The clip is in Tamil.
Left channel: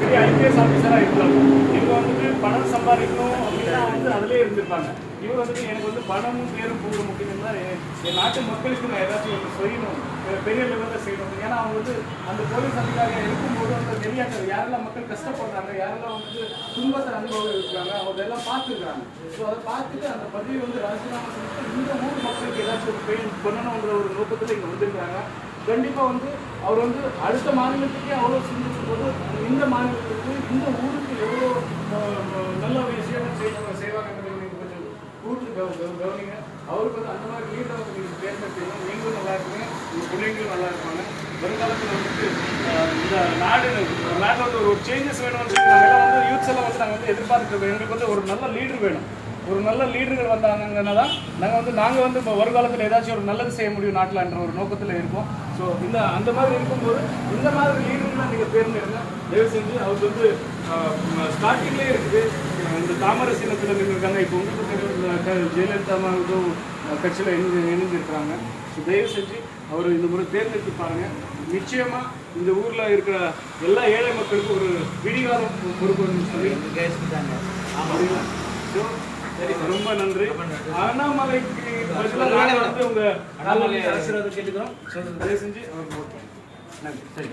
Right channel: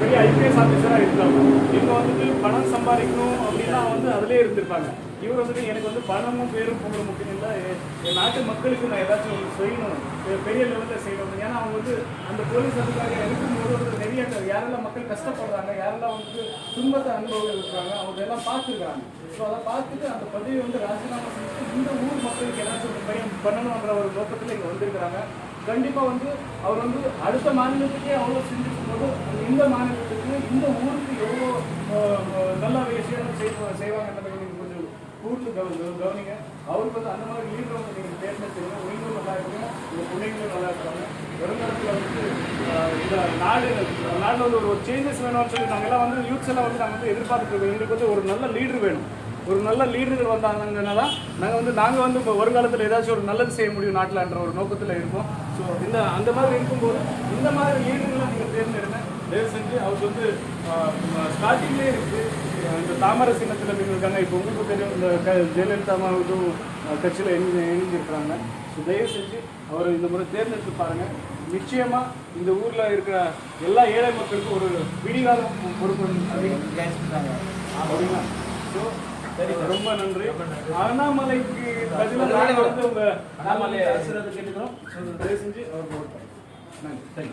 பெரிய ஐபிஎஸ் ஆஃபீஸராக இருக்காங்க. இவங்க வந்துட்டு பணம் சம்பாதிக்கணும் அப்படின்னா அதிலே இருந்திருப்பாங்க. இவர் வந்துட்டு எனக்கு வந்து பணமும் பேரும் புகழ முக்கியம் இல்லை, என் நாட்டு மக்களுக்கு நான் ஏதாச்சும் ஒன்று செய்யணும், பெரிய லெவலில் செய்யணும். ஏன்னா அவங்க வந்து அந்த போலீஸ் அதிகாரியாக இருக்கும்போது வந்து நிறைய யாரெல்லாம் மக்கள் கஷ்டப்படுறாங்க, யாரெல்லாம் வந்துட்டு துன்பத்தை அனுபவம் இருக்காங்க, அவங்க எல்லாம் பார்த்துருக்காங்க. ஸோ அதை பார்த்துட்டு அந்த பதவி வந்து ராஜினாமா செஞ்சுட்டு இந்த ஊர் மக்களுக்கு ஏதாச்சும் ஒரு பெயின் பண்ணணுன்ற ஒரு நோக்கத்தில் இங்கே வந்திருக்கிறாங்க. கண்டிப்பாக வந்து அவர் வந்து அடுத்த மாநிலத்துக்கே அவ்வளோ செஞ்சுருக்கும் போது இந்த மாநிலத்துக்கு இந்த ஊருக்கு எவ்வளோ நல்ல விஷயம் செய்வாங்கன்னு நீங்கள் கொஞ்சம் கூட்டு கவனிங்க. அவருக்கு வந்து அந்த மாதிரி லீடரை வந்து நீங்கள் தேர்ந்தெடுத்தீங்க, நீங்களும் நல்லா இருப்பீங்க, உங்கள் பிள்ளைங்களும் நல்லா இருப்பாங்க. வருங்காலத்தில் வந்துட்டு இந்த நாட்டில் வந்து ஒரு சேஞ்சஸ் வேணும்னு சொல்லி நாங்கள் வந்து யூத்ஸ் எல்லாம் வந்து நாங்கள் வந்து எதிர்பார்த்துருக்கோம். எங்களுக்கு வந்து ஒரு நல்ல லீடர் வேணும். ஒரு நல்ல லீடர்கள் வந்தாங்கன்னா தான் நாங்கள் வந்து இப்போ வருங்காலத்தில் ஏதாச்சும் ஒரு நல்லது செய்ய முடியும் நாட்டில்ன்ற ஒரு நோக்கத்தில் இருப்போம். ஸோ அந்த மாதிரி இருக்கும்போது இந்த மாதிரி லீடர்லாம் நீங்கள் தேர்ந்தெடுங்க. தயவு செஞ்சு அவருக்கு வந்து ஸ்டார்டிங்லேயே இருக்குது இந்த தாமரை சின்னத்தில் இருக்காங்க. இப்போ உங்களுக்கு தெரியும் இந்த ஜெயலலிதா அம்மாவுக்கும் கட்சியில் இணைஞ்சிருக்கிறாங்க. ஸோ தயவு செஞ்சு அவர் இந்த முறை தேர்ந்தெடுத்து பாருங்கள். நிச்சயமாக இந்த ஊரில் இருக்கிற எல்லா ஏழை மக்களுக்கும் ஒரு விடிகாலம் பொறுப்பு அப்படின்னா. ஸோ ரொம்ப நன்றி. அண்ணாமலைக்கு பதிலாக வந்து உங்கள் ஆசீர்வாதம் கேட்டுக்கிறோம். தயவு செஞ்சு அவர் நன்றி. சரி.